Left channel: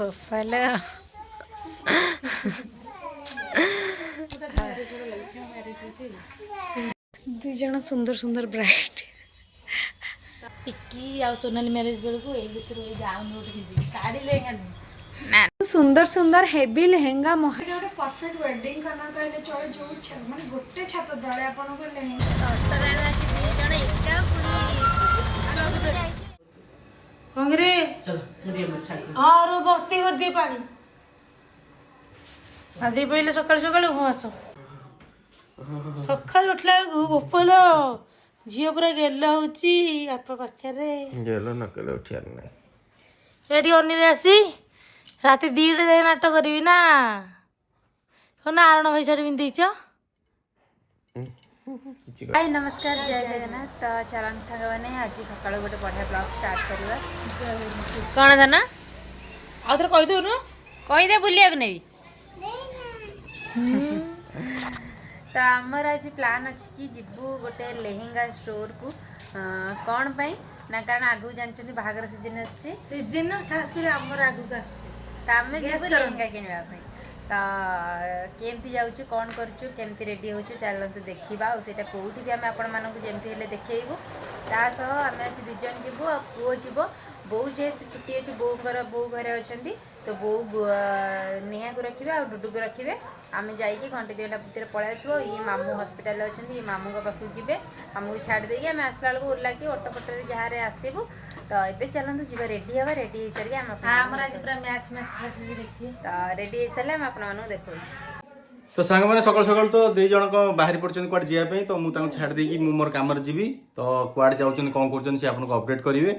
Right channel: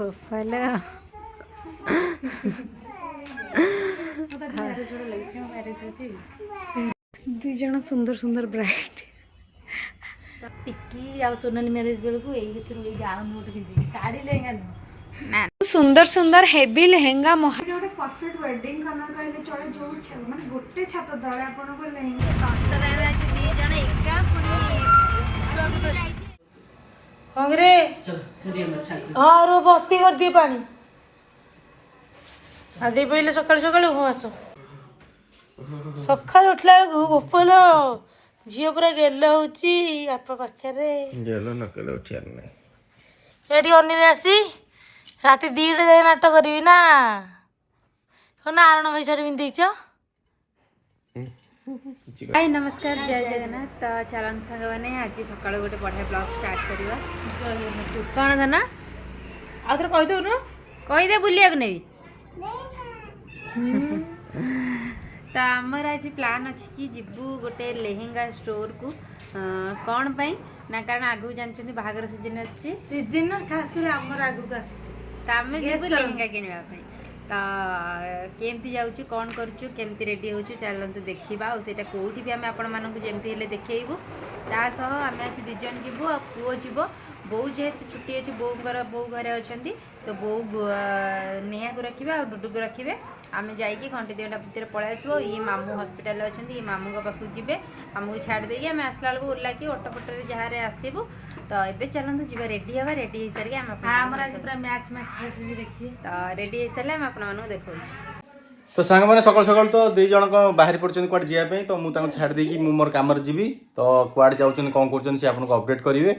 ବୋପାଲ ଦୁଇ ଜଣ ସୁନ୍ଦର ସୁନ୍ଦର ବ୍ରାଇଡ୍ टिक्की आ सोनाली मैरिज बेलू यही गाउन गोटे पिंधि साड़ी लेहेंगा नुह ना सुंदर सुंदर हेवी लेहेंगा मोहर गोटे परफेक्ट वेडिंग कलर कहले चले जो माने गोटे छात तळे आपन को लेहेंगा अटरे आज दी जण एका पुनी आगु जाई कांगरे हां रो बत्ती कर दिए पानी आदि पहिले सकाळ सकाळ हो आसो सकाळ उठला गोपलो झील पूरा गेल होची आपा पाखरे गेलो नकले उठियार नाही एठी अनिल आसी राति 2 जाए नाटक करबी ना सोना आरण पैसा पिंधिच हाय नमस्कार जय जगन्नाथ तो चलन संग माने आज सकाळ गोटे बढ़िया ब्लॉग स्टार्ट करबा कोन धना आदर कहि दउ न कहि दे बुलिया को नेबी तो आमर आज प्लान अच्छी कि जीवु गोटे लेहेंगा स्टोर को कौन पाई ना कारण आगु जानछन्ती बाहागर सीजन अछि सीजन खास कर हमर आगु का तो आमे जीवु लेहेंगा किनबा पई तो केमती जाउछु कौन करछु केमती रेडी होछु चलंतु देखिबा और सेटा कोठी भी आमे आपण मानकु जेमती हेले देखैबु ता सह आमे आज दि जन जीवु आ पुओ जीवो बो जेहेतु छुट्टी अच्छी बो घरे अच्छा तो बो नेहा को रखिए और डुडू को रखिए आम जाइए घंटे 2 घंटा भितर पलि आसो ये मामू हॉस्पिटल अच्छा ये मामू पाखक जी मामू को छाड़ देगी आम आसला बेलू ओला कि ऑटो पटर जहाँ आसबू तो ये चलते जी रेडी हाँ रेडी हो सारे तो रेडी हो सारे आपको देखा तो सांग मैंने सकाल सकाल तो दी जन बाहरी पड़ते कुआडे जावाई तो मुझे छाड़ देकी मोर कम जीवी तो कुआडे जाऊँ कौन कर आपको अपडेट करेंगे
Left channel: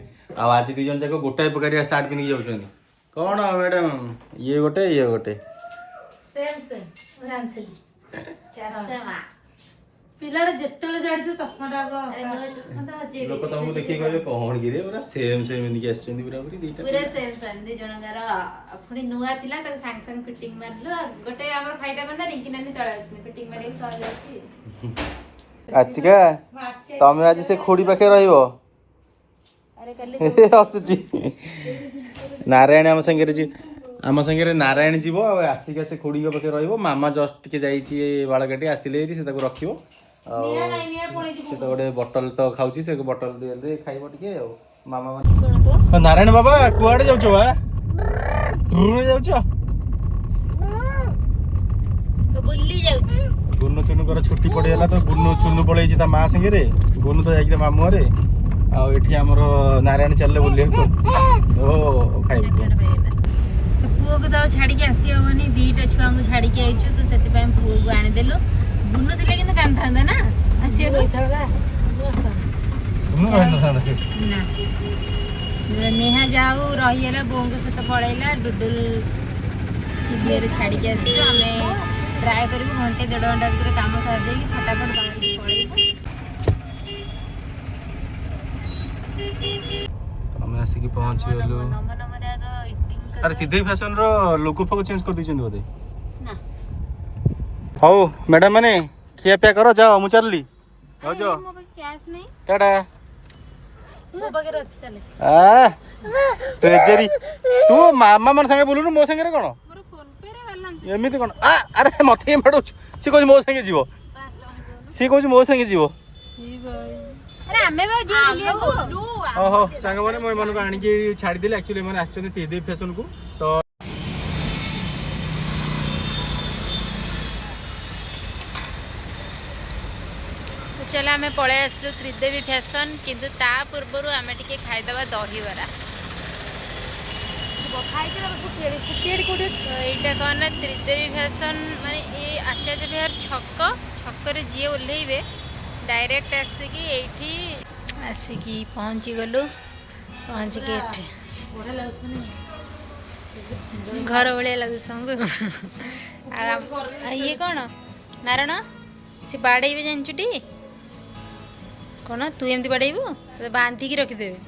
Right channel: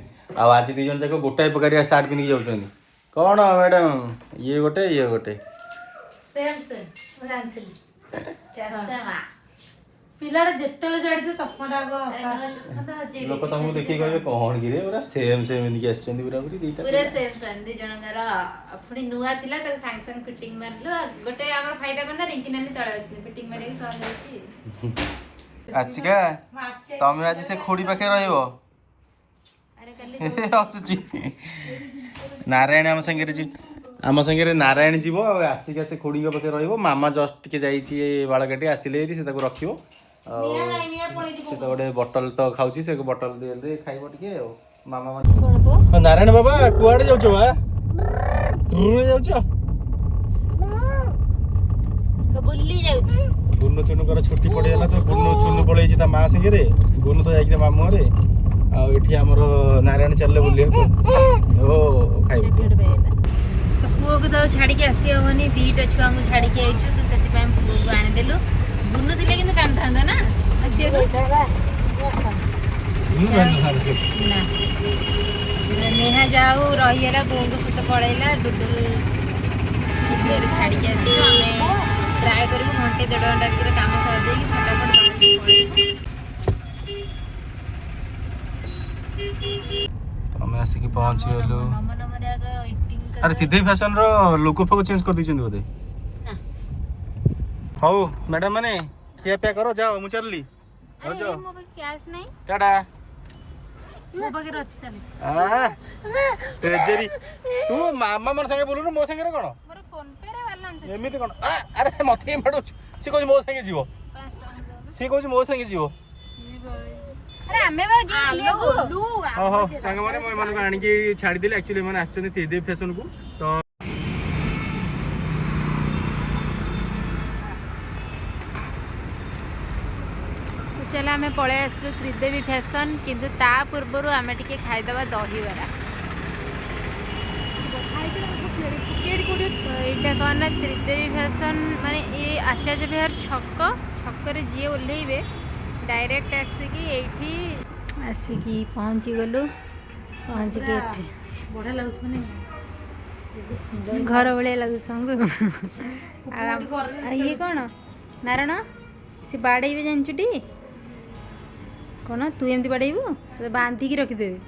आज दी जन जाक गोटाए प्रकार सार्ट पिंधिक जाऊँ कौन मैडम ये गोटे सेम सेम जानथली पिलाडा जेतेले जाडी चश्माटा लोक तुमको देखिए कहे कौन गिरे पूरा सेम सेम इनकी आछन पूरा पूरी दीटा पूरा सेम सेम दी जनगर अपनी नुआ थिला त सांग सांग फिटिंग मारलो गोटे हमर फायदा करना रिंकी नानी तळे आछनी फिटिंग मारे सह जाची आसिका तमे आज से खोडी पाखे रहइबो अरे कल्ले हसुची नारायण आम संगे नारायण जीव आसिका से खोड़ी पाखे रहिबो मामा जस्ट टिके जाईची बाल काटी आसिले से ताको रखिबो से तो गोटे बटल तो खाऊची से बटल दे दे खाइबो टिके मामा कोन को नारायण बाबा कुआडे जाउछो बा रुई जाउछो तो बुल्ली जाउची गुन्नु चुनु कर छुट्टी पड़ेला तो गुन्नु चुनु पळेई ता मा संगे रे गुन्नु तो जाई मामू रे आ एठी हमर नारायण चलले बुलिए को ओ खाइबो तो पुओ को तो छाड़ी के आसी होनी दीटा छुआ को छाड़ी के आइछु तो सेति पय पुओ को आनी देलु बुनु दिले किंतु कांथांदा ना आसी को ना नेहा जाऊ रहिएला बों को सत पळेला डुडुल चिदिएर छाड़ी के आसी हमें ट्राई करबो घंटे 1.5 घंटा भीतर काम सार दे कि फटाफट बाहर पळेबो हमें आसिक पहुँच गलु अरे तिदे फैशन रो लोगो फोको चेंज कर दिछन बोधे ना हो मैडम माने खिया पिया करो जाओ मु चलली हो जो कैश नहीं टाटा मो बगे रच चले आ ट्रेजरी तू मामा मन संगे बोलुनु मो संगे रे कोन मोर फोन पे रे बैलेंस एमिति कोन आ अरे मथे मेडो सी कोइ मो संगे जीवो सी कोइ मो संगे जीवो अरे हमें बाबू जी लिया को ओहो संग माने मो मन को आनी के छाडी देले एक्चुअली मन आछन तिदे फैशन को तो चलो आम पलि आसलु त्रिदेवी फैशन किंतु ता पूर्वर आम टे खाईदे दहीबरा यहाँ कौन ना त्रिदेवी फैशन माने ये आचार्य विहार छक जी ओह्लैबे डायरेक्ट आसिकी पहुँची गलु पहुँच के घर भाया लगे सबको ये कौन नारायण सी बाड़े जानचुटी कौन तू एमती बाड़ेबू तो बांधिकी रखिदेवे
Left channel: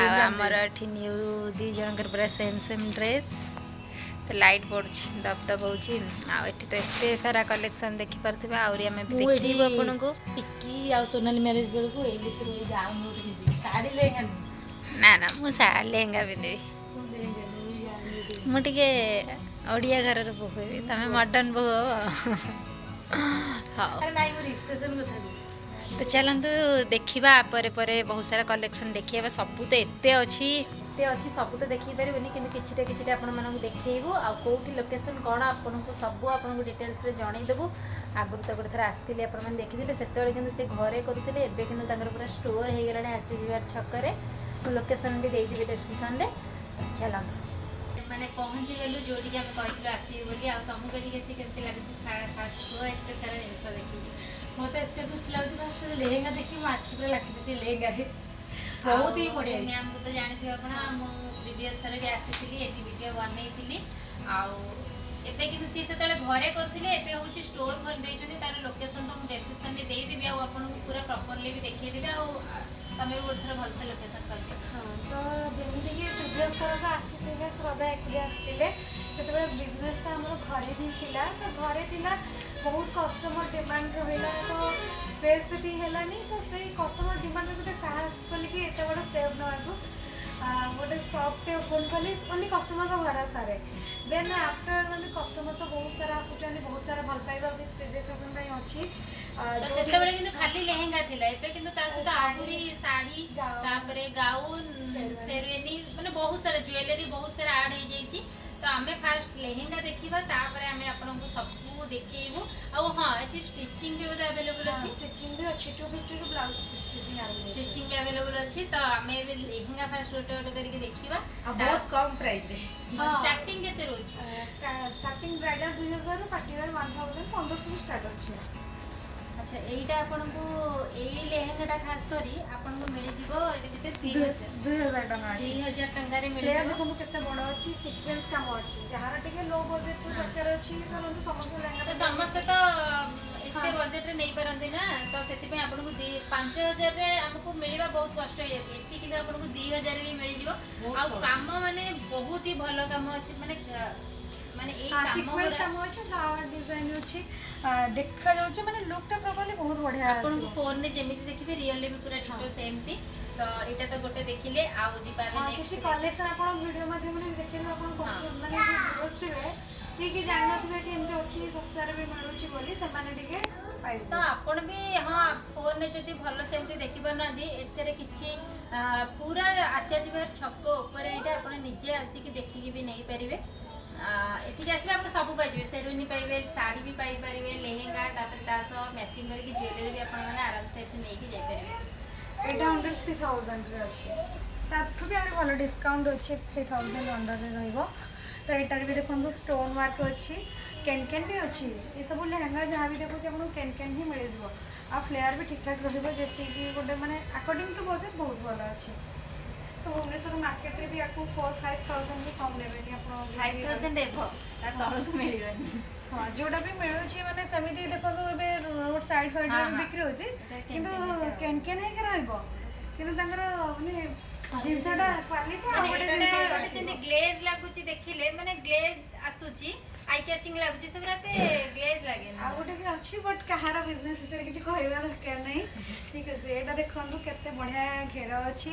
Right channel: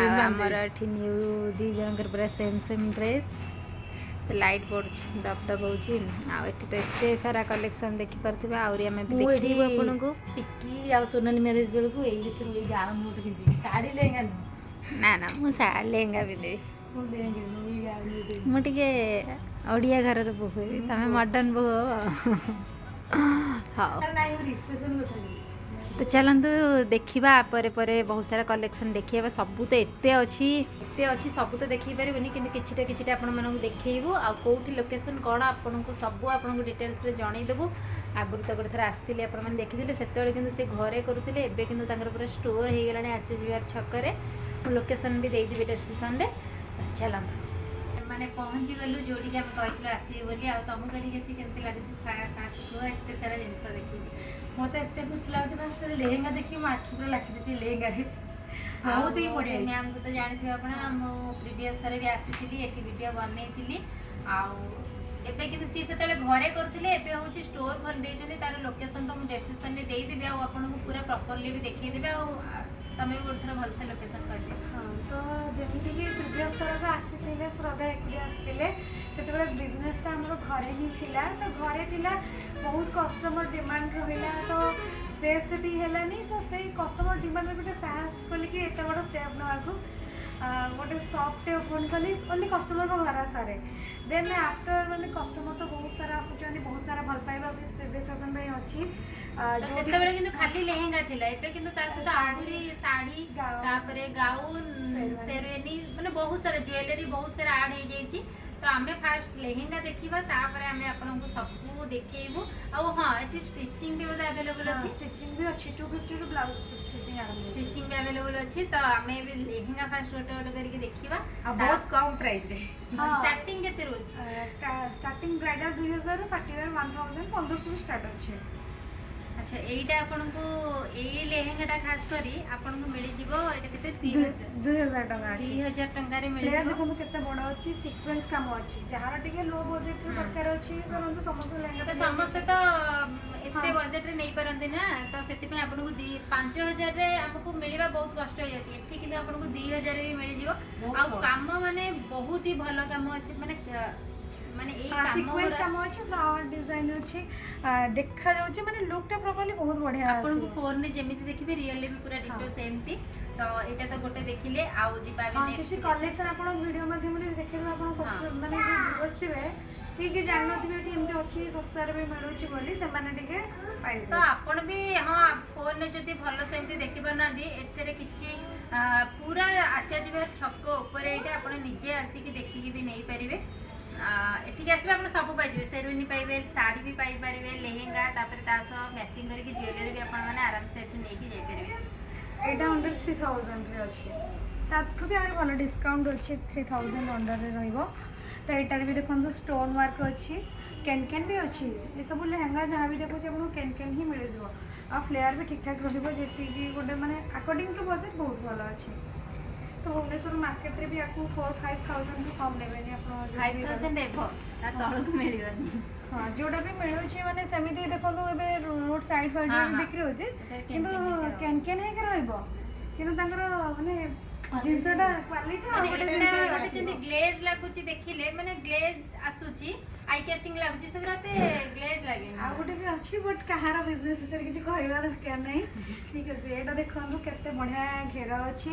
आमर एठी न्यू दी जनकर पूरा सेम सेम ड्रेस तो लाइट पड़ी दब दब हो तो एत सारा कलेक्शन देखिपे आहरी आम देखू आपन को टिक्की आ सोनाली मैरिज बेलू यही गाउन गोटे पिंधि साड़ी लेहेंगा ना ना मु साड़ी लेहेंगा पिंधि ମୁଁ ଟିକେ ଓଡ଼ିଆ ଘରର ବୋହୂ ହେବି ତମେ ମଡ଼ର୍ଣ୍ଣ ବୋହୂ ହବ। ହଉ ତ ଚାଲନ୍ତୁ ଦେଖିବା ପରେ ପରେ ବହୁତ ସାରା କଲେକ୍ସନ୍ ଦେଖିବା। ସବୁ ତ ଏତେ ଅଛି ସବୁ ତ ଦେଖେଇ ପାରିବୁନି କିନ୍ତୁ କିଛିଟା ଆପଣମାନଙ୍କୁ ଦେଖେଇବୁ ଆଉ କେଉଁଠି ଲୋକେସନ୍ କ'ଣ ଆପଣଙ୍କୁ ସବୁ ଆପଣଙ୍କୁ ଡିଟେଲ୍ସରେ ଜଣେଇଦେବୁ। ଆଗରୁ ତ ଗୋଟେ ଥର ଆସିଥିଲେ ଆପଣମାନେ ଦେଖିଥିଲେ, ସେତେବେଳେ କିନ୍ତୁ ସେ ଘରେ କରୁଥିଲେ, ଏବେ କିନ୍ତୁ ତାଙ୍କର ପୁରା ଷ୍ଟୋର୍ ହେଇଗଲାଣି ଆଚାର୍ଯ୍ୟ ବିହାର ଛକରେ। ମୁଁ ଲୋକେସନ୍ ବି ଦେଇଦେବି ଡେସ୍କ୍ରିପ୍ସନ୍ରେ। ଚାଲନ୍ତୁ ମାନେ ପହଞ୍ଚିଗଲୁ ଯେଉଁଠିକି ଆମେ କହିଥିଲୁ ଆସିବେ ବୋଲି। ଆଉ ତମକୁ ଏଠିକି ଆସି କେମିତି ଲାଗୁଛି ଫାଷ୍ଟ କୁହ, ଏତେ ସାରା ଜିନିଷ ଦେଖିକି? ମତେ ଏତେ ଖୁସି ଲାଗୁଛି ଫାଷ୍ଟ ଲେହେଙ୍ଗା ଦେଖି ମୋ ଆଖି ପୁରା ଲାଗିଛି ଲେହେଙ୍ଗାରେ, ବହୁତ ହି ବଢ଼ିଆ। ମ୍ୟାମ୍କୁ ତ ଜାଣିଥିବେ ଆପଣ, ମୁଁ ପ୍ରିଭିୟସ୍ ଥର ବି ଆସିଥିଲି ଏଠି ଭିଡ଼ିଓ ବନେଇଥିଲି। ଆଉ ଏବେ କିନ୍ତୁ ସିଏ ସେତେବେଳେ ଘରେ କରୁଥିଲେ, ଏବେ ହେଉଛି ଷ୍ଟୋର୍ ଖୋଲି ଦେଇଛନ୍ତି। ତାର ଲୋକେସନ୍ ତ ମୁଁ ଡେସ୍କ୍ରିପ୍ସନ୍ରେ ଦେଇଦେବି, ଆଉ ଆପଣଙ୍କୁ ପୁରା ପ୍ରପର୍ଲି ବି ଦେଖେଇଦେବି। ଆଉ ତମେ ବି ଗୋଟେ ଥର ଭଲସେ ଲୋକେସନ୍ କହିଦିଅ। ହଁ, ତ ଯେମିତିକି ପ୍ରିଭିୟସ୍ ଥରକ ଆସିଥିଲେ ଶ୍ରଦ୍ଧା ଏକୁଟିଆ ଆସିଥିଲେ, ସେତେବେଳେ ବିଜନେସ୍ଟା ଆମର ଘରେ ହିଁ ଥିଲା। ତ ଘରେ ଥିଲା, ବହୁତ କଷ୍ଟମର ଡିମାଣ୍ଡ ରହିଲା, ତ ସ୍ପେସ୍ ସେଠି ହେଲାନି। ତ ସେଇ କଷ୍ଟମର ଡିମାଣ୍ଡରେ ଗୋଟେ ସାହସ କଲିକି ଏତେ ବଡ଼ ଷ୍ଟେପ୍ ନେବାକୁ, ଗୋଟେ ସପ୍ଟେ ଓପନ୍ କଲି ଓନ୍ଲି କଷ୍ଟମରଙ୍କ ଭରସାରେ। ଦେନ୍ ଆଫ୍ଟର ମାନେ କଷ୍ଟମର ତ ବହୁତ ସାରା ଆସୁଛନ୍ତି, ବହୁତ ସାରା ଭଲ ପାଇବା ବି ପ୍ରେଜେଣ୍ଟେସନ୍ ପାଇଁ ଅଛି। ସେତେବେଳେ କିନ୍ତୁ ଖାଲି ଲେହେଙ୍ଗା ଥିଲା, ଏବେ କିନ୍ତୁ ତା ସହିତ ଆହୁରି ଶାଢ଼ୀ, ତାପରେ ଗାଉନ୍, ସେରୱାନି, ମାନେ ବହୁତ ସାରା ଜୁଏଲାରୀ ବହୁତ ସାରା ଆଡ୍ ହେଇଯାଇଛି। ତ ଆମେ ଫାଷ୍ଟ ଲେହେଙ୍ଗା ଦେଖିବା, ତାପରେ ଆମେ ଆପଣଙ୍କୁ ସବୁ ଦେଖେଇବୁ। ଆଉ ହଁ, ଏଠି ଷ୍ଟିଚିଂ ବି ବୋଧେ ଆଭେଲେବୁଲ୍ ଅଛି। ଷ୍ଟିଚିଂ ବି ଅଛି, 250ରୁ ବ୍ଲାଉଜ୍ ଷ୍ଟିଚିଂ ଆରମ୍ଭ ହେଉଛି। ଷ୍ଟିଚିଂ ବି ଆଭେଲେବୁଲ୍ ଅଛି। ତ ଆମେ ଏବେ ଲେହେଙ୍ଗା ଫାଷ୍ଟ ଗୋଟେ ଗୋଟେ କରିକି ଦେଖିବା। ଆଉ ବହୁତ କମ୍ ପ୍ରାଇସ୍ରେ। ଷ୍ଟାର୍ଟିଂ କେତେ ରହୁଛି? ଷ୍ଟାର୍ଟିଂ ବ୍ରାଇଡାଲ୍ 2000ରୁ ପାର୍ଟିୱେର୍ 1000, 1500ରୁ ଷ୍ଟାର୍ଟ ଅଛି। ଆଚ୍ଛା, ଏଇଟା ଆପଣଙ୍କୁ ଏଇ ଲେହେଙ୍ଗାଟା ଖାସ୍ କରି ଆପଣଙ୍କୁ ମିଳିଯିବ ଏଇଟା କେତେ? 2000 ଟଙ୍କା ଅଛି। 2000 ଟଙ୍କାରେ ଲେୟାର ମିଳିଯିବ। ଦେଖନ୍ତୁ କେତେ ବଡ଼ ଅଛି, ସିକ୍ୱେନ୍ସ କାମ ଅଛି। ଯାହାର ଟିକେ ଲୋ ବଜେଟ୍ରେ ଦରକାର ଅଛି, କରନ୍ତୁ ସମସ୍ତେ ଲେହେଙ୍ଗା। ତ ସମସ୍ତେ ତ ଏତେ ବଜେଟ୍ରେ ନେଇପାରନ୍ତି ନା, ତ ସେଥିପାଇଁ ଆପଣଙ୍କୁ 5000ରେ ଆମକୁ ମିଳିବା ବହୁତ କଷ୍ଟ ହେଇଯାଉଛି। ଏଠି କିନ୍ତୁ ଆପଣଙ୍କୁ 2000ରେ ବି ମିଳିଯିବ। ଆଉ କାମ ମାନେ ବହୁତ ହି ଭଲ କାମ ଅଛି, ମାନେ ଏଇ ସିକ୍ୱେନ୍ସ କାମ ଅଛି, ଫ୍ଲାୱାର ଡିଜାଇନ୍ ଅଛି, ଦେଖାଯାଉଛି ମାନେ ଲୁକ୍ଟା ପ୍ରପରଲି ବହୁତ ବଢ଼ିଆ ଆସିବ। ଆପଣଙ୍କୁ ଫୋନରେ ଯେମିତି ଦେଖିବେ ରିଅଲରେ ବି ପୁରା ଡିଟୋ ସେମିତି। ତ ଏଇଟା ତ ଗୋଟେ ଦେଖିଲେ, ଆଉ ଯିବା ଆମେ କିଛି କଲେକ୍ସନ୍ ଆପଣ ଭିଡ଼ିଓ ମାଧ୍ୟମରେ ଦେଖେଇବେ। ଆପଣ ମାନେ ଯେଉଁ ଭିଉଅର୍ସ ଥିବେ ଠିକ୍ ଜାଣିନଥିବେ ଏଠି ଏମିତି ଅଛି, ଶସ୍ତାରେ ବି ମିଳୁଛି ବୋଲି, ସେମାନେ ଟିକେ ପାଇଯିବେ। ତ ଆପଣ ବି ଫୋନରେ ଯଦି ଭଲ ସେମିତି ଦେଖିପାରୁନାହାନ୍ତି, ଏଥିରେ କିଛି ପୁରା ଆଚାର୍ଯ୍ୟ ବିହାର ଛକ ଉପରେ ଏଇଟା ଆପଣ ନିଜେ ଆସିକି ଦେଖିକି ବି ନେଇପାରିବେ। ଏଠିକି ଆସିବେ ଆପଣ ସବୁ ପାଇଯିବେ, ସେରୱାନି ପାଇବେ, ଶାଢ଼ୀ ବି ପାଇପାରିବେ, ଲେହେଙ୍ଗା, ତାପରେ ତା ସହ ମ୍ୟାଚିଂ କରିକି ଜୁଏଲାରୀ ବି ଆପଣମାନେ ଆରାମସେ ଏଠି ନେଇକି ଯାଇପାରିବେ। ଏଇଟା ଅଣ୍ଡର 3000ରେ ଅଛି, ତାଠୁ ବି ଆହୁରି ଭଲ ଡିସ୍କାଉଣ୍ଟ ଅଛି, 3000 ଅଣ୍ଡରରେ ରହିବ। ତ ଏଇଟାରେ ବି ଦେଖନ୍ତୁ ଷ୍ଟୋନ୍ ୱାର୍କ ଅଛି, କେନ୍ ବି ଅଛି। ଏସବୁ ଲେହେଙ୍ଗା ଯାହା ବି ଦେଖୁଛି ଆପଣଙ୍କୁ କେନ୍ ହିଁ ମିଳିଯିବ। ଆଉ ଫ୍ଲେୟାର ବି ଠିକ୍ ଠାକ୍ ରହିବ, ଯେତିକି ଗୋଟେ ମାନେ ଆକର୍ଡିଂ ଟୁ ବଜେଟ୍ ବହୁତ ଭଲ ଅଛି। ତ ଭୁବନେଶ୍ୱର ମାର୍କେଟରେ ବି ଆକୁ 4-5,000ରୁ କମ୍ ନେବେନି ଆପଣ। 5000 ଏଭ, ତା ତଳକୁ ମିଳିବନି। ହଁ, ଯୋଉଟା ବି ମିଳୁଛି ମାନେ ସେମିତି ଦେଖନ୍ତୁ, ଏବେ ରୋଡ୍ ସାଇଡ୍ ଫାଇଡ୍ ବିକ୍ରି ହେଉଛି, କିନ୍ତୁ କେନ୍ ହେଇକି ରହିବ। କିନ୍ତୁ ତାଙ୍କର ମାନେ ଜିନିଷଟା କ୍ୱାଲିଟି ଆଉ ଗୋଟେ ଯେମିତି ଗ୍ଲେଜ୍ ଲାଗୁଛି ଦେଖିଲେ, ମାନେ ଗ୍ଲେଜ୍ ଆସୁଛି, ଆଇ କ୍ୟାଚିଂ ଲାଗୁଛି, ସେଗୁଡ଼ା ଏତେ ଗ୍ଲେଜ୍ ଲାଗେନି। ଆଉ ଗୋଟେ ବି ଅଛି, ବଟ୍ କାହାର ବିଜନେସ୍ ବିଷୟରେ କିଛି କହିବା ଦରକାର ନାହିଁ। ଠିକ୍ ଅଛି, ଏଇଟା ଦେଖନ୍ତୁ କେତେ ବଢ଼ିଆ ଘେର ଅଛି।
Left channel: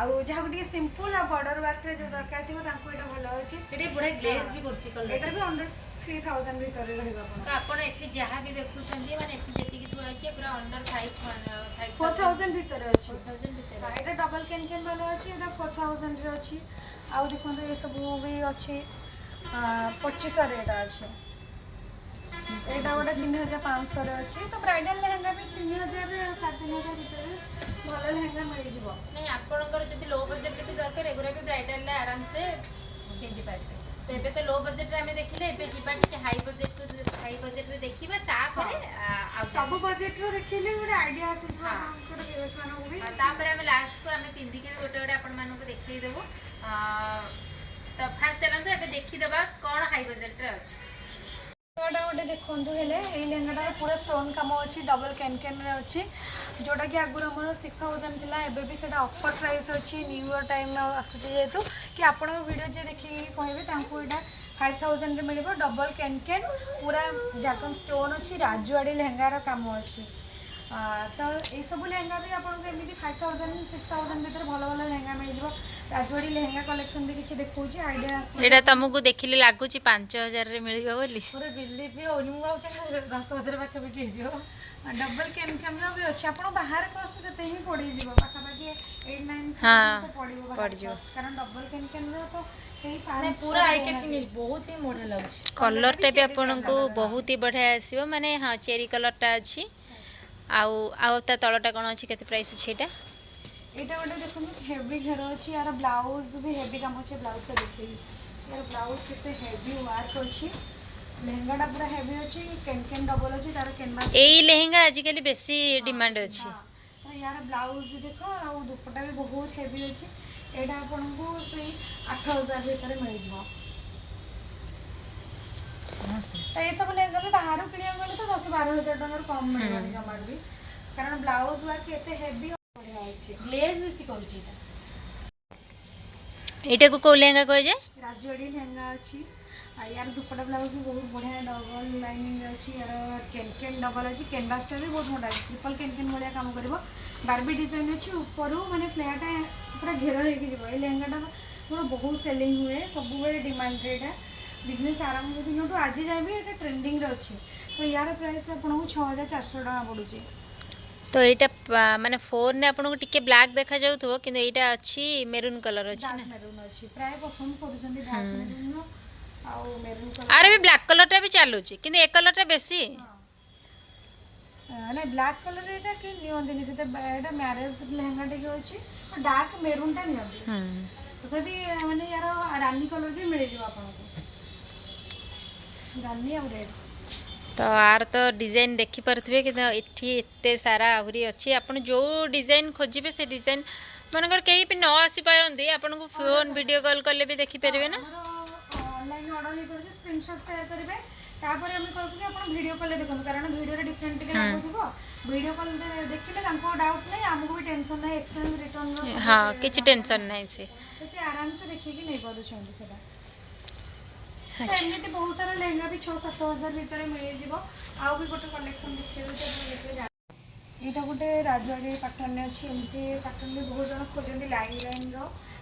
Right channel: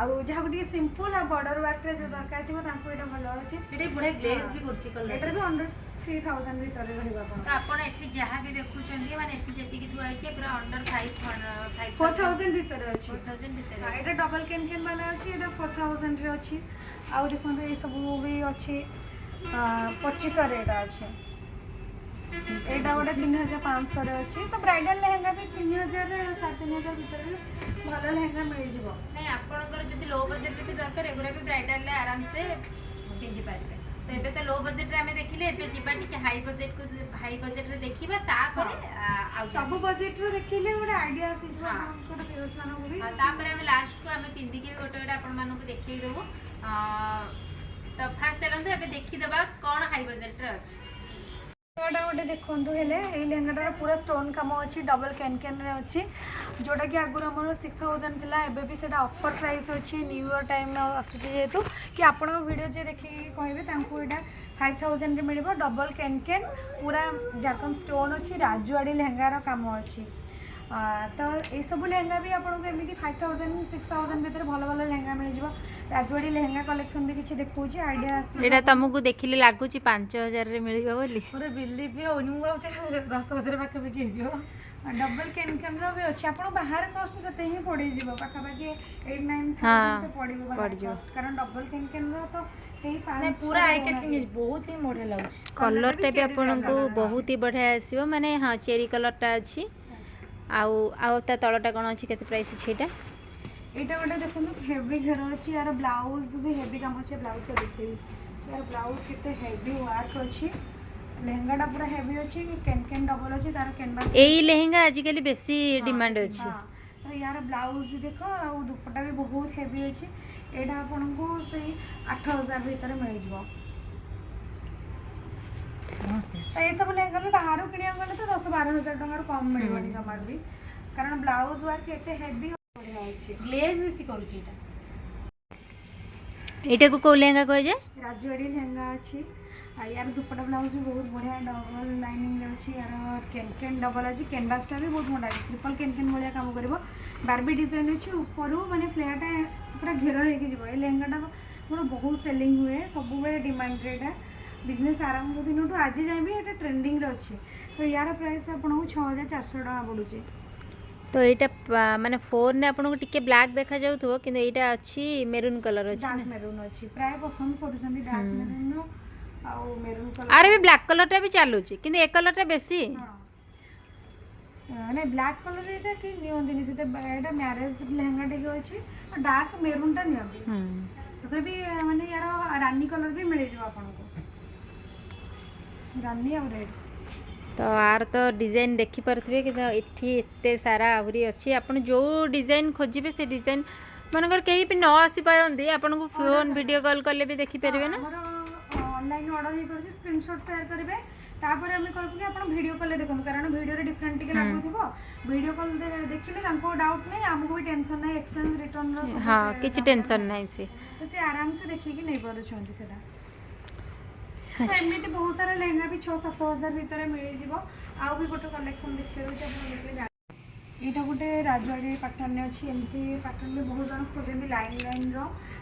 ଆଉ ଯାହାକୁ ଟିକେ ସିମ୍ପଲ୍ ଆଉ ବର୍ଡର ୱାର୍କରେ ଯେଉଁ ଦରକାର ଥିବ ତାଙ୍କୁ ଏଇଟା ଭଲ ଅଛି। ଏଠି ବଢ଼ିଆ ଗ୍ଲେଜ୍ ବି କରୁଛି କଲର୍। ଏଇଟାରେ ବି ଅଣ୍ଡର 3000 ଭିତରେ ରହିବ ଆପଣ। ତ ଆପଣ ଏଠି ଯାହା ବି ଦେଖୁଛନ୍ତି, ମାନେ ଏଠି ଯେତିକି ଥୁଆ ହେଇଛି ପୁରା ଅଣ୍ଡର 4000 ଭିତରେ ଅଛି। 4000 ଭିତରେ। ଏଇଟା ଡବଲ୍ କେନ୍ ବାଲା ଅଛି, ଏଇଟା 4000ରେ ଅଛି। ଆଉ ଦେଖନ୍ତୁ ଏସବୁ ବି ଅଛି, 2500ରେ ଏଇଟା ଅଛି। ଏଇଟା ଗୋଟେ 3500ରେ ଅଛି। ତ ବ୍ରାଇଡାଲ୍ ଲେହେଙ୍ଗା ବି 3000, 3500 ଭିତରେ ଭଲ ଲେହେଙ୍ଗା ମିଳିଯିବ। ନାଇଁ, ଆପଣଙ୍କର ଯଦି ଲୋ ବଜେଟ୍ରେ ବି ଦରକାର, ଏଗୁଡ଼ା ବି ବ୍ରାଇଡାଲ୍ରେ ଆରାମସେ ପିନ୍ଧି ପାରିବେ। ତ ଏବେ ତ ଲୋ ବଜେଟ୍ରେ ଆମେ ଦେଖିଲେ, ଏବେ ଯିବା ଟିକେ ହାଇ ବଜେଟ୍ରେ ଦେଖିବା, ତାପରେ ଆଉ ସବୁ ବଜେଟ୍ରୁ ଦେଖିଲେ ଗୋଟେ ଆଇଡ଼ିଆ ଆସିଯିବ ଆପଣଙ୍କର ଭିଉଅର୍ସମାନଙ୍କୁ ବି। ତାପରେ ଆମେ ଲାଷ୍ଟକୁ ଆମେ ପିନ୍ଧିକି ଗୋଟେ ଆପଣମାନଙ୍କୁ ଦେଖେଇଦେବୁ। ତ ଫାଷ୍ଟ ଚାଲନ୍ତୁ ଏବେ ଦେଖିଦେବା କ'ଣ ହାଇ ବଜେଟ୍ରେ ଅଛି। ଲେହେଙ୍ଗାଟା ଗୋଟେ ଦେଖନ୍ତୁ, ହେଲେ ଏଇ ଲେହେଙ୍ଗାଟାର ପୁରା ଷ୍ଟୋନ୍ କାମ ଅଛି, ଡବଲ୍ କେନ୍ରେ ଅଛି, ଯେଉଁଟାକି ଆଗରୁ ଆମର 6000 ଥିଲା। ଏବେ ବି ସେଇଟା ଅଫର୍ ପ୍ରାଇସ୍ ଅଛି, ନ୍ୟୁ ଇୟର୍ ଟାଇମ୍ ଆସୁଛି ଯେହେତୁ, କି ଆପଣଙ୍କ ଭିଡ଼ିଓ ଯିଏ ଦେଖିକି କହିବେ ତାଙ୍କୁ ଏଇଟା 5000ରେ ମିଳିବ। ଡବଲ୍ କେନ୍ ପୁରା ଜାକନ୍ ଷ୍ଟୋନ୍ ଅଛି, ରାଜୁଆଡ଼ି ଲେହେଙ୍ଗାର କାମ ଅଛି। तो ये सब लेहेंगा भी आपको एमती 5000 6000 भितर भल भल लेहेंगा मिल जाए राजवाड़ी लेहेंगा कलेक्शन भी किसी देखा आइडिया एटा तुमको देखिले लागुची 5000 रे मिलिबो बोली मोर बिलीव भी होनी मु 10,000 पाखापाखि हो डबल कैन भी अच्छे आप बाहर कस्ट से ही पड़ जाए पाखापाखि 8-9 हाँ, पड़ो पड़ जाओ। कारण डबल कैन तो पूरा आई कैचिंग बहुत ही बढ़िया लगुच कलर टा भी आपनको बहुत ही बढ़िया आसीबो माने हां चेरी कलर टा अछि आउ ता तळटा कोन अछि केते प्राइस अछि एटा एटा गोटे देखो हेवी घेर अच्छी यार ब्लाउज भी हेवी काम अच्छे ब्लाउज से देखी यार ब्लाउज कितने हेवी वर्क अच्छी लेहेंगाटा पूरा हेवी अच्छी कैन डबल अच्छी तार कैनवास एई लेहेंगा आजिकली बेसी डिमांड अछि तो यार ब्लाउज भी देख और दुपट्टा भी बहुत हेवी अच्छी एटा आपको से 8000 भीतर मिल जाए तो ये सब लेहेंगा भी बाहर किणा गले तो 10-12 हजार टकर कम मिलबनी जमार भी कारण ब्लाउज वर्क एते हेवी बढ़िया अच्छी ग्लेज बेसी करूची एटा को को लेहेंगा कह जे राजवाड़ी लेहेंगा अच्छी यार दुपट्टा ब्लाउज भी बहुत बढ़िया डबल लाइनिंग अच्छी यार कैन डबल अच्छी कैनवासटा भी बहुत मोटा ट्रिपल कैन भाया काम कर बारबी डिजाइन अच्छी ऊपर माने फ्लैटा पूरा घेर हो लेहेंगाटा मोर बहुत सेलिंग हुए सब डिमांड रेटा बिजनेस आरंभ दिन आज जाए भी ये ट्रेंडिंग अच्छे तो यार प्राइस आपको 6400 टका पड़ुचे तो एटा माने फोन ने आपनको टिके ब्लैक देखा जाउथबो किंतु एटा अछि मेरून कलर अछि डार्क ना मेरून अच्छी प्राय पसंद करूछंती डार्क मेरून आउ मेरून कलर आरे भी ब्लैक कलर टा भी चालुची किंतु ए कलर टा बेसी ना ब्लैक कलर एटा कि नियंदिनी से एटा मैरिज लेहेंगा टिके अछि और डार्क मेरून टा नियंदी तो भी माने यार रानी कलर भी मिल जाव आपनको रानी और रेड तो आर तो डिजाइन देखि परथबे कि एठी एते सारा आहुरी अछि आपण जो डिजाइन खोजिबे से डिजाइन मनकर कहीं भी न आसी पारंदी आपण को फोन वीडियो कॉल करले भी देखि परबे ना ऑनलाइन ऑर्डर ही पड़े स्क्रीनशॉट शेयर करेंगे तापर आम कहूँ कि आप वीडियो कॉल देखो कारण वीडियो डिफरेंट टिके लगुथिबो वीडियो कॉल देखिले तांको डाउट नहीं आमको भी टेंशन नहीं एक्सचेंज रिटर्न हां किछि टेंशन नहीं से तो से आराम से देखि कि नहीं पारुछंती सेटा तो एमती बहुत सारा लेहेंगा भी 6-7 हजार भितर मिल जाव आउ भी गोटे कलेक्शन देखिए यहाँ गोटे राजवाड़ी पैटर्न अच्छी एमती पैटर्न भी बहुत जन खोजती लाइन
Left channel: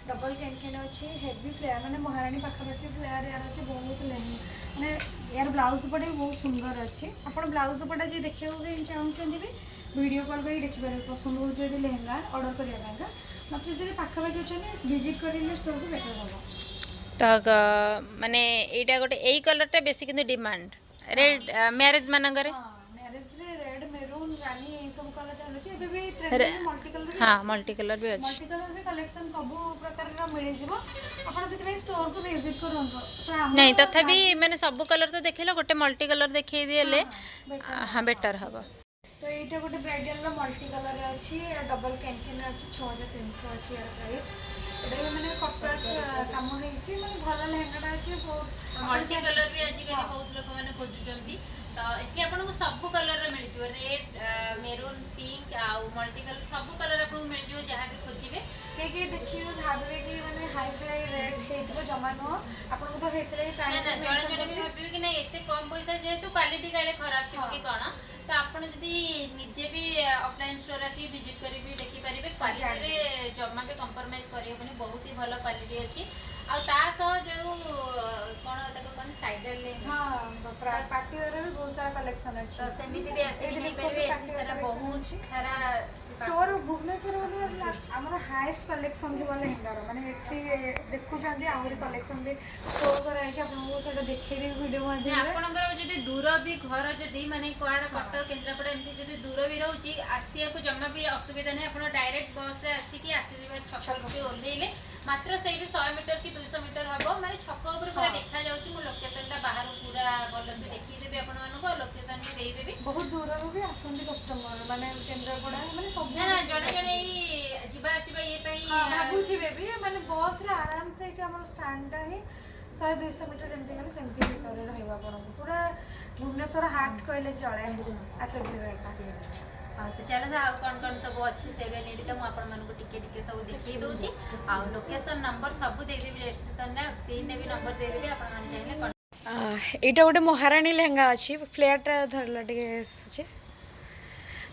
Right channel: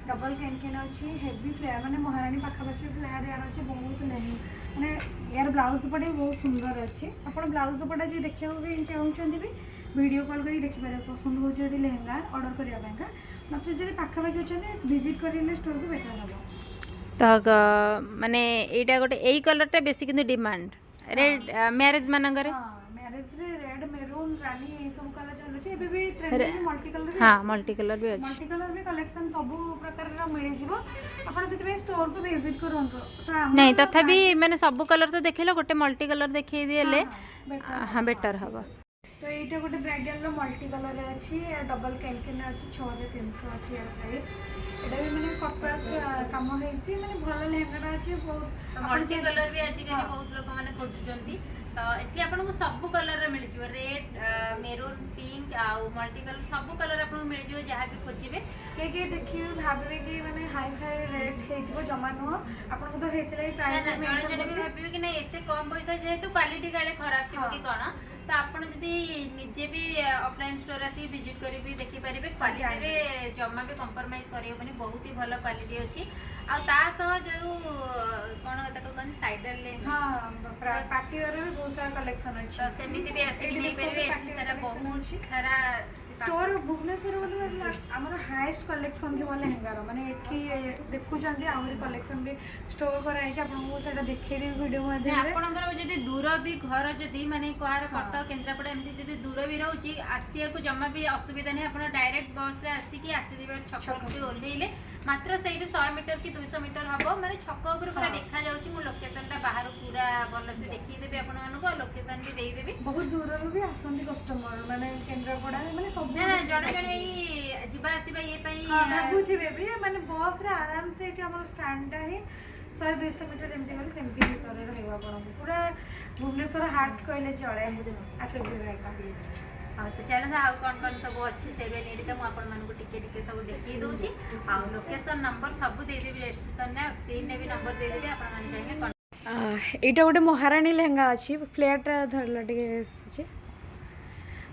डबल कैन अच्छी हेवी फ्लेयर माने महारानी पाखापाखि फ्लेयर यार अच्छे बहुत लेहेंगा माने यार ब्लाउज दुपट्टा भी बहुत सुंदर अच्छी आप ब्लाउज दुपट्टा जी देखा भी चाहूँगी भी वीडियो कॉल कर देखिपारे पसंद हो लेहेंगा ऑर्डर करने नचे जब पाखापाखि अच्छे विजिट करेंगे स्टोर को बेटर हम तो माने एटा गोटे एई कलर टा बेसी किंतु डिमांड रेड मैरिज मानंगरे मैरिज रे रेड मेरून रानी ए सब कलर चलुची एबे भी ट्रेंडिंग मल्टी कलर हां मल्टी कलर भी अछि मल्टी कलर भी कलेक्शन सब प्रकार रा मिल जिवो आपण सेति स्टोर को विजिट करंतो तो नहीं तथापि माने सब कलर तो देखिलो गोटे मल्टी कलर देखै दिले हां बेटर हबो तो एटा गोटे ब्राइडल रो मल्टी कलर रे अछि डबल कैन अछि 6300 अछि यार प्राइस एटा भी माने कटवर्क काम हेछि माने भल लेहेंगा अछि बहुत मल्टी कलर भी आज के बहुत लोक माने खोजुचंती तो एठी आपन को सब कलर रे मिल जिवो रेड मेरून पिंक आ मल्टी कलर सब कलर आपन मिल जिवो जहा भी खोजिबे के देखिए भाबे कि माने हाई फाई रेट हेजिबो जमा न आपन को तो हेतले प्राइस जणे जणे भी भाबिबे कि नहीं एते कम पैसा जेहेतु क्वालिटी काले खराब थिबो कि कोन तो आपन जदी निजे भी ऑफलाइन स्टोर आसी विजिट करी भी देखि परिबे क्वालिटी रे जमा भी कंप्रोमाइज करियो बनी बहुत ही भलो क्वालिटी अछि आ ता सह जो कोन तको कोन साइडर ले हां पार्टी वेयर भी बहुत सारा कलेक्शन अछि तो सेमिति भी आसी कि नहीं परिबे सारा बहुत सारा स्टोर भुवनेश्वर वाला हमर हाईएस्ट कलेक्शन थी वाले हेंगार माने एठी देखु जंदी आउरी कलेक्शन भी स्टोर कराई छै आपन को सेटा देखै दे वीडियो माध्यम रे आपनकर जदी दूर भी घर जदी माने कोहार कटक केन्द्रापड़ा एमती जदी दूर भी रहउची आसिया को जम्मा भी असुविधा नहीं आपन डायरेक्ट बस रे आसी कि आसी दिबार छक पे ओलेले मात्र सेही 100 मीटर की 200 मीटर हबो माने छक ऊपर पूरा देखा जाउची मु लोकेशन टा बाहर पूरा भलो से देखि देबे आपन मानको लोकेशन भी देई देबी बहुत दूर रो भी आसुंदी कस्टमर माने केन्द्रापड़ा माने सब ना जणे जणे ई जिबा आसीबा ये पई भाबु थिबे भी माने बस रे आराम से कि हमर स्टैंड टा ही 100-200 मीटर जेमती गले सेमती भीतर रहइबा आपन पूरा भुवनेश्वर हाट कहले चले अच्छा जेटा हाँ तो चलो आउ कौन सब अच्छी से नहीं मुझे आपको टिके सब देखी दूसरी आउ लोकेशन नंबर सब देदेवी डिस्क्रिप्शन में स्क्रीन में भी नंबर देदेवी आपण माने चाहिए एटा गोटे महारानी लेहेंगा अच्छी फ्लैट धरला टिके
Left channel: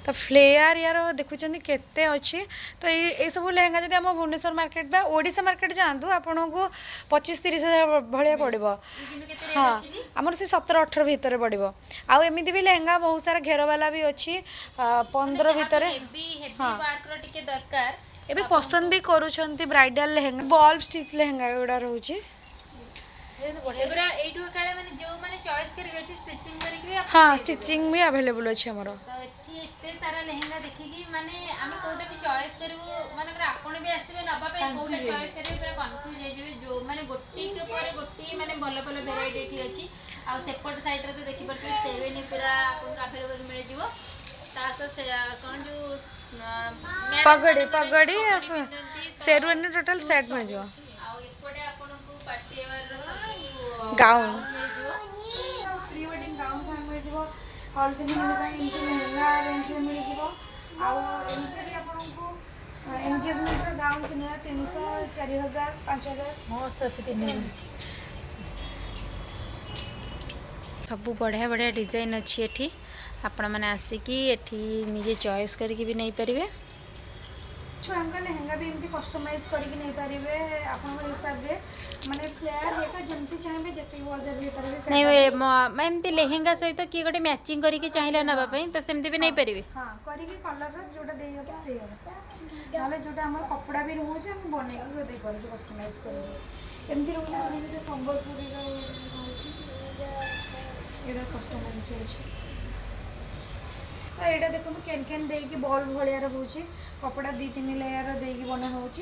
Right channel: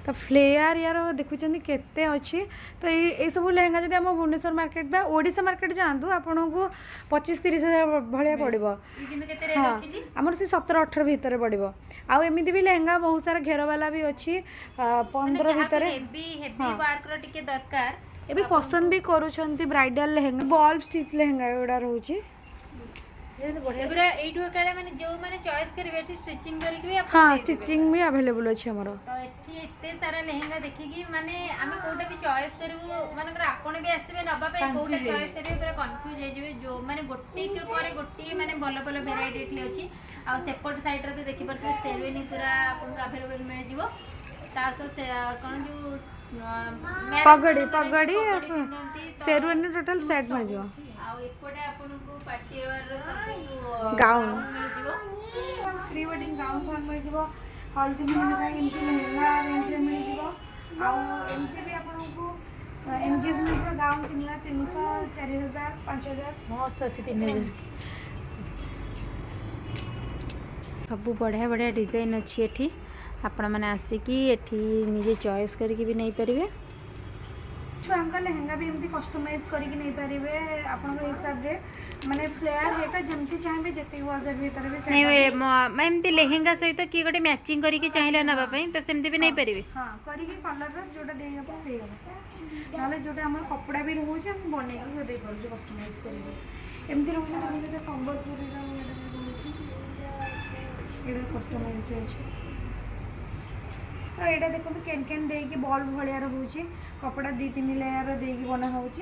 तो फ्लेयर यार देखुं केते अच्छी तो ये सब लेहेंगा जब आम भुवनेश्वर मार्केट बा ओडिशा मार्केट जातु आपन को 25-30 हजार भाया पड़ो। हाँ आमर से 17-18 भितर पड़ो। आउ एमती भी लेहेंगा बहुत सारा घेर वाला भी अच्छी 15 भितर। एबे पसंद भी करूछंती ब्राइडल लेहेंगा बल्ब स्टिच लेहेंगा गुड़ा रोचे। हाँ स्टिचिंग भी अवेलेबल अच्छे हमर तो एठी एते सारा लेहेंगा देखिकी माने आमे कोटा भी चॉइस करबो माने आपण भी आसीबे नबा पे कोटा चॉइस करबे पूरा कंफ्यूज हो जिवे जो माने गोटी के पर गोटी माने भलो भलो वेराइटी एठी अछि आ सेपट साइड रे तो देखि परते शेरवानी पूरा आपन अवेलेबल मिल जिवो तास से कोन जो पगड़ी पगड़ी शेरवानी टोटल सेट मिल जिवो आ एपटे आपन को पार्टी वेयर रो सब गाउन प्री वेडिंग गाउन को मिल जिवो हल्दी मेहंदी इनकी लहंगा रेंज में मिल जिवो आ इनके भी आपन को एंगेजमेंट रो गाउन 300 4000 5000 मस्त अच्छी 3000 सब बढ़िया बढ़िया डिजाइन अच्छी एठी आपण माने आसिकी एठी निजे चॉइस करके भी नहीं परिवे छुआंका लहंगा भी एमती कस्टमाइज करके नहीं पारिबे आपन हिसाब रे माने फ्लेयर हेका जेमती चाहेबे जति बजट भीतर भी नहीं मैं एमती लेहेंगा सहित कि गोटे मैचिंग करके चाहिला नबा पई तो सेमती भी नहीं परिवे। हां करके कलर रो जोटा देगा तो देगा नाले जोटा हमर कपड़ा भी रहउछ हम बने के दे पारू जो कस्टमाइज करके एमती रहउछ तो जेटा संबलपुरी रो रहउछ एडा कस्टमाइज होछ तो एटा देखो केन केन दे के बॉल भलिया रहउछ कपड़ा 2-3 लेयर दे के बना होउछ।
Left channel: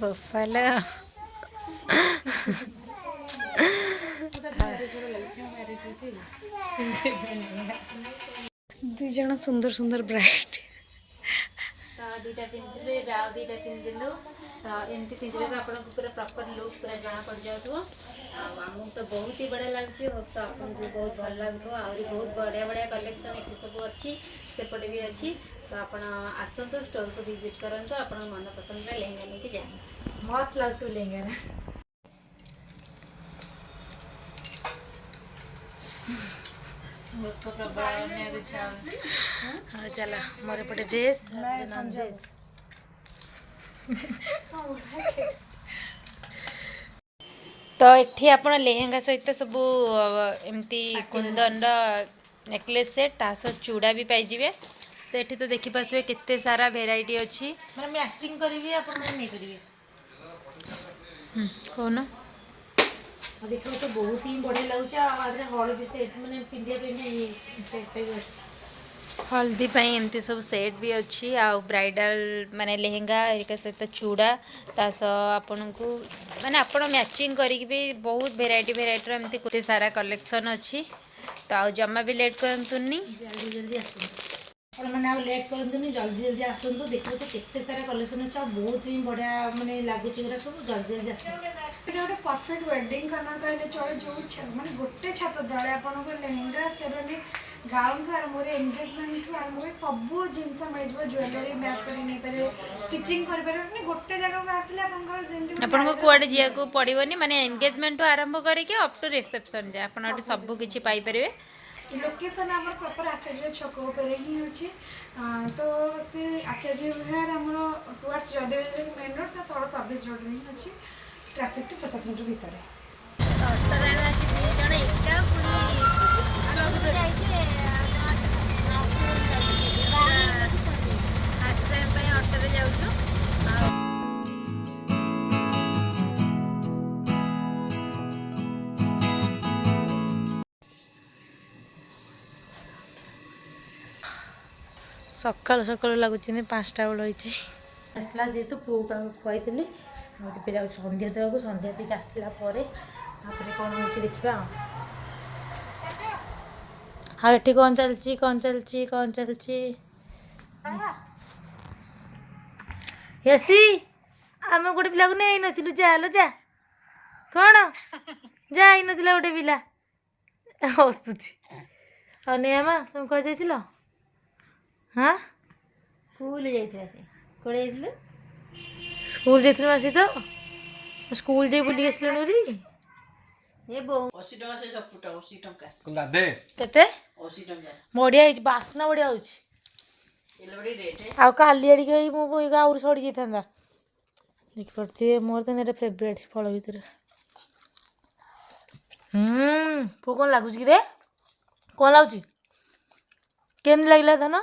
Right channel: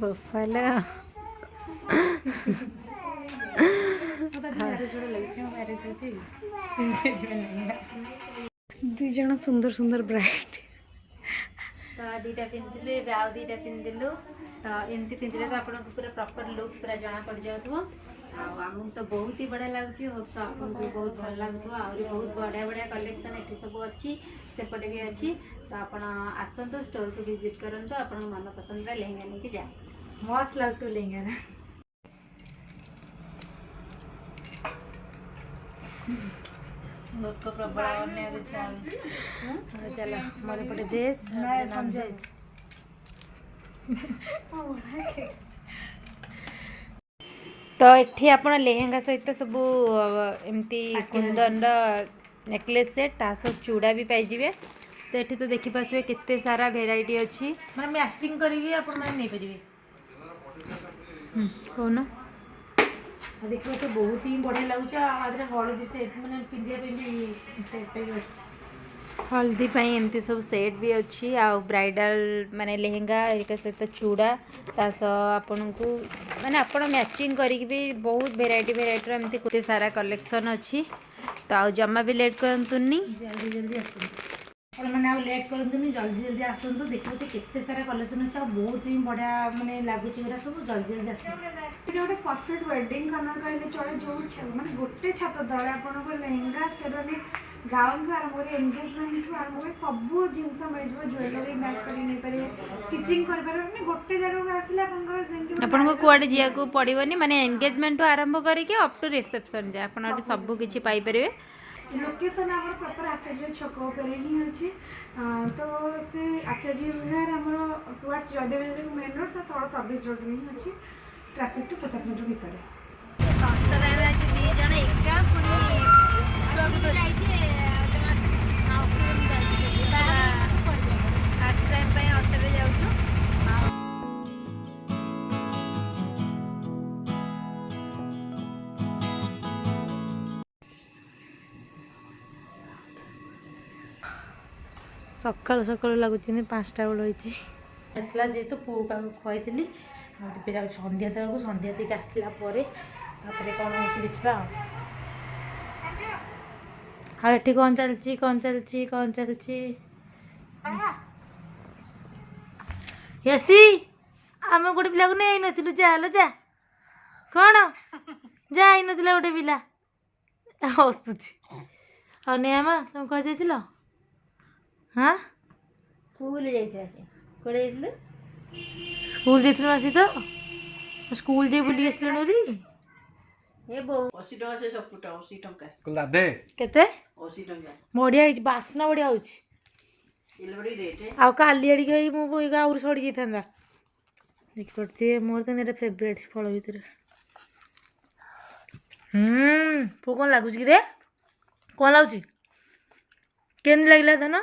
बफाला दुई जन सुंदर सुंदर ब्राइड तो दीटा पिंदिले जाओ दीटा पिंदिलु तो एमती पिंदिले तो आपन को पूरा प्रॉपर लुक पूरा जाना पड़ जाउतो हमको तो बहुत ही बढ़िया लागछि और तो आपन को बहुत भल लागतो और बहुत बढ़िया बढ़िया कलेक्शन एठी सब अच्छी सेपटे भी अच्छी तो आपण आसंतो स्टोर को विजिट करंतो आपण मन पसंद रा लेहेंगा लेके जा मस्त लाग लेंगे ना बहुत को प्रबल अन्य दे चाल हाँ चला मोरे पटे भेज नॉन भेज तो एठी आपण लेहेंगा सहित सब एमती कुंदन नेकलेस सेट तास चूड़ा भी पाई जिवे तो एठी तो देखि पाथुए केते सारा वेराइटी अछि मैं मैचिंग करिवे अपन मन नहीं करिवे कोन देखो तो बहुत ही बढ़िया लागुच आदरे हळदी सेट माने पिंदिया पे सेट पे अछि हल्दी पाई एमती सब सेट भी अच्छी आ ब्राइडल माने लेहेंगा एरिका सहित चूड़ा तास आपन को माने आपण मैचिंग करिक भी बहुत वेराइटी वेराइटी एमती केते सारा कलेक्शन अच्छी तो आ जम्मा भी लेट करंतुनी जल्दी जल्दी आसंतु और माने आ लेट करंतुनी जल्दी जल्दी आसंतु देखो तो केते सारा कलेक्शन अछि बहुत ही बढ़िया माने लागुच एरा सब जल्दी जल्दी आसंतु এটা ଗୋଟେ परफेक्ट वेडिंग करना कहले चले जो माने गोटे छात तले आपन को लहंगा शेरवानी गाउन को आरंभ करे एंगेजमेंट को आरंभ करे सब जिंस मिल जो ज्वेलरी मैच करी नहीं पारे स्टिचिंग कर पारे माने गोटे जगह को आसले आपन को जेंति आपन को कुआडे जिया को पड़िबनी माने एंगेजमेंट तो आरंभ करके अप टू रिसेप्शन जा आपन अटे सब किछि पाई परिवे लोकेशन हमर प्रॉपर आचार्य छक ऊपर ही अछि तो से आचार्य विहार हमर टुवर्ड्स जयदेव मेन रोड तो तळ सर्विस रोड ही अछि ट्रैफिक टू 50 मीटर भीतर अटरा में आज दी जण एका पुनी स्वागत जाइछे आज टाइम पे ऑटो रे जाउछु सकाल सकाल लगुच 5टा बेल होती जेहेतु पु खुआई पे जाऊँ संध्या देवाक संध्या देक आसला कौन हो देखा हाँ ये कौन चलती कौन चलती कौन चलती यसी आम गोटे पिला को नहीं नथिलु जा लो जा କ'ଣ ଯାଇନଥିଲା ଗୋଟେ ପିଲା ହସୁଛି। ଆଉ ନେମା ତମେ କୁଆଡ଼େ ଯାଇଥିଲ? ହଁ ସ୍କୁଲ ଯାଇଥିଲା ସେ। କୁଆଡ଼େ ଯାଇଥିଲୁ? ସ୍କୁଲ ଯାଇଥିଲ ମାସି ତ ସ୍କୁଲ ଯାଇ ବୁଲିକି ଆସିଲଣି ବୋଲି। ଏ ବୋଉ କେତେ ବଢ଼ିଆ ହେଇଛି, ବାସ୍ନା ବଢ଼ିଆ ହେଉଛି। ଆଉ କାଲି ଆଡ଼ିକି ଏଇ ମୋ ବୋଇ가 ଆହୁରି ସଢ଼ି ଯାଇଥାନ୍ତା। ଦେଖିପାରୁଥିବେ ମୋର ତ ଏଇଟା ଫେବରେଟ୍ ଫଳ ଭିତରେ। ପୁଅ କ'ଣ ଲାଗୁଛି କି ରେ? କ'ଣ ଲାଗୁଛି? କେମିତି ଲାଗିଲା ଧନ?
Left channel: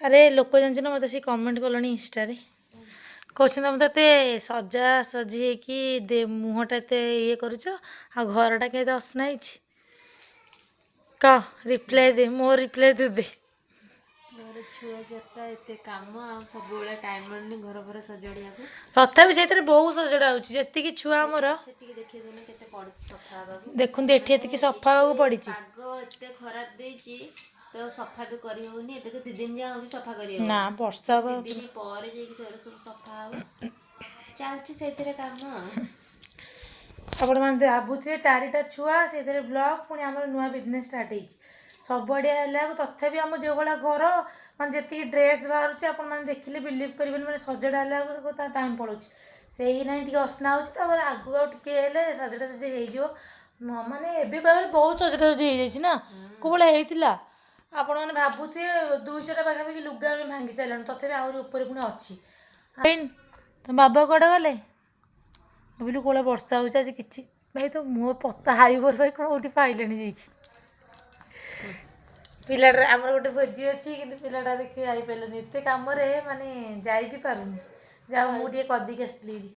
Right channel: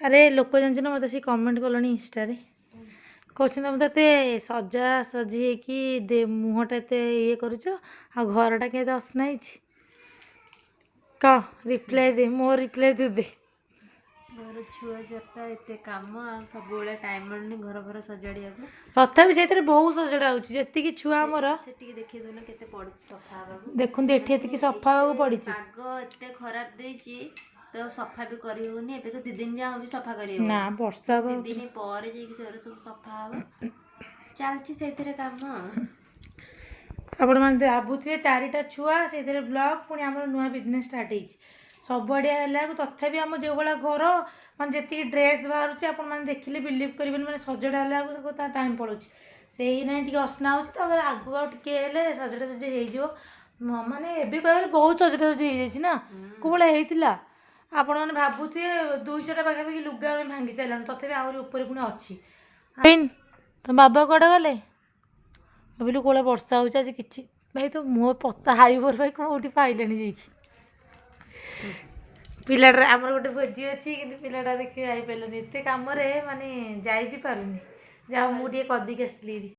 ଆରେ ଲୋକ ଜାଣିଛୁ ନା ମୋତେ ସେ କମେଣ୍ଟ କଲେଣି ଇନଷ୍ଟାରେ, କହୁଛନ୍ତି ତମେ ତ ଏତେ ସଜାସଜି ହେଇକି ମୁହଁଟା ଏତେ ଇଏ କରୁଛ, ଆଉ ଘରଟା କେତେ ଅସନା ହେଇଛି। କହ ରିପ୍ଲାଏ ଦେ, ମୋ ରିପ୍ଲାଏ ତୁ ଦେ। ମୋର ଛୁଆ ଚାରିଟା ଏତେ କାମ ଆଉ ସବୁବେଳେ ଟାଇମ୍ ମିଳୁନି ଘର ଫର ସଜାଡ଼ିବାକୁ। ତଥାପି ସେଇଥିରେ ବହୁତ ସଜଡ଼ା ହେଉଛି। ଯେତିକି ଛୁଆ ଆମର ସେଠିକି ଦେଖିଏ ଦେଉନ କେତେ ପଡ଼ିଛି ସଫା ହେବାକୁ। ଦେଖନ୍ତୁ ଏଠି ଏତିକି ସଫା ହେବାକୁ ପଡ଼ିଛି। ପାଗ ଏତେ ଖରାପ ଦେଇଛି ତ ସଫା ବି କରି ହେଉନି। ଏବେ ତ 2 ଦିନ ଯାହା ହେଉଛି ସଫା କରି ହେଉନି। ନା ବର୍ଷା ହବ। 2 ଦିନ ପରେ ଯାଇକି ସେଗୁଡ଼ା ସବୁ ସଫା ହେବ। ଚାଲିଛି ସେଇଥିରେ କାମ। ଆପଣମାନେ ଭାବୁଥିବେ 4ଟା ଛୁଆ ସେଇଥିରେ ବ୍ଲଗ୍, ପୁଣି ଆମର ନୂଆ ବିଜନେସ୍ ଷ୍ଟାର୍ଟ ହେଇଛି। ସବୁଆଡ଼ିଆ ହେଲାକୁ ତଥାପି ଆମ ଯେଉଁଭଳିଆ ଘର ମାନେ ଯେତିକି ଡ୍ରେସ୍ ବାହାରୁଛି ଆପଣମାନେ ଦେଖିଲେ ବିଲିଭ୍ କରିବେନି। ମାନେ ସଜଡ଼ା ହେଲାକୁ ତା ଟାଇମ୍ ପଳାଉଛି। ସେଇ ନାହିଁ ଟିକେ ଅସନା ହେଉଛି, ତାପରେ ଆଗକୁ ଆଉ ଟିକେ ହେଲେ ସଜଡ଼ା ସଜଡ଼ି ହେଇଯିବ। ମାନେ ଏବେ କହିଲେ ବହୁତ ସଜଡ଼ା ସଜଡ଼ି ହେଇଯାଇଛି ନା, କେଉଁଭଳିଆ ହେଇଥିଲା। ଆପଣମାନେ ଭାବୁଥିବେ 200ଟା ପାଖାପାଖି ଲୁଗା ଆମେ ଭାଙ୍ଗି ସାରିଲାଣି, ତଥାପି ଆହୁରି ଉପରେ ପୁଣି ଅଛି। ତମ ବାବା କୁଆଡ଼େ ଗଲେ? ଭାବିଲୁ କୋଉଭଳିଆ ବର୍ଷା ହେଉଛି ଆଜି କିଛି ଭାଇ ତ ମୁହଁ ପତା ହାଇବର ଭାଇ କେଉଁଠି ପାଇଲେଣି ଯାଇକି। ପିଲାଟା ଆମର ଗୋଟେ ଭୋଜି ଅଛି କିନ୍ତୁ ପିଲାଟା ଦେଖି ଯାଇପାରିଲାନି, ଏତେ କାମରେ ମାନେ ଯାଇ ବି ପାରୁନି। ଯାହା ମୁଁ ଟିକେ କରିଦେଇକି ଆସିଥିଲି।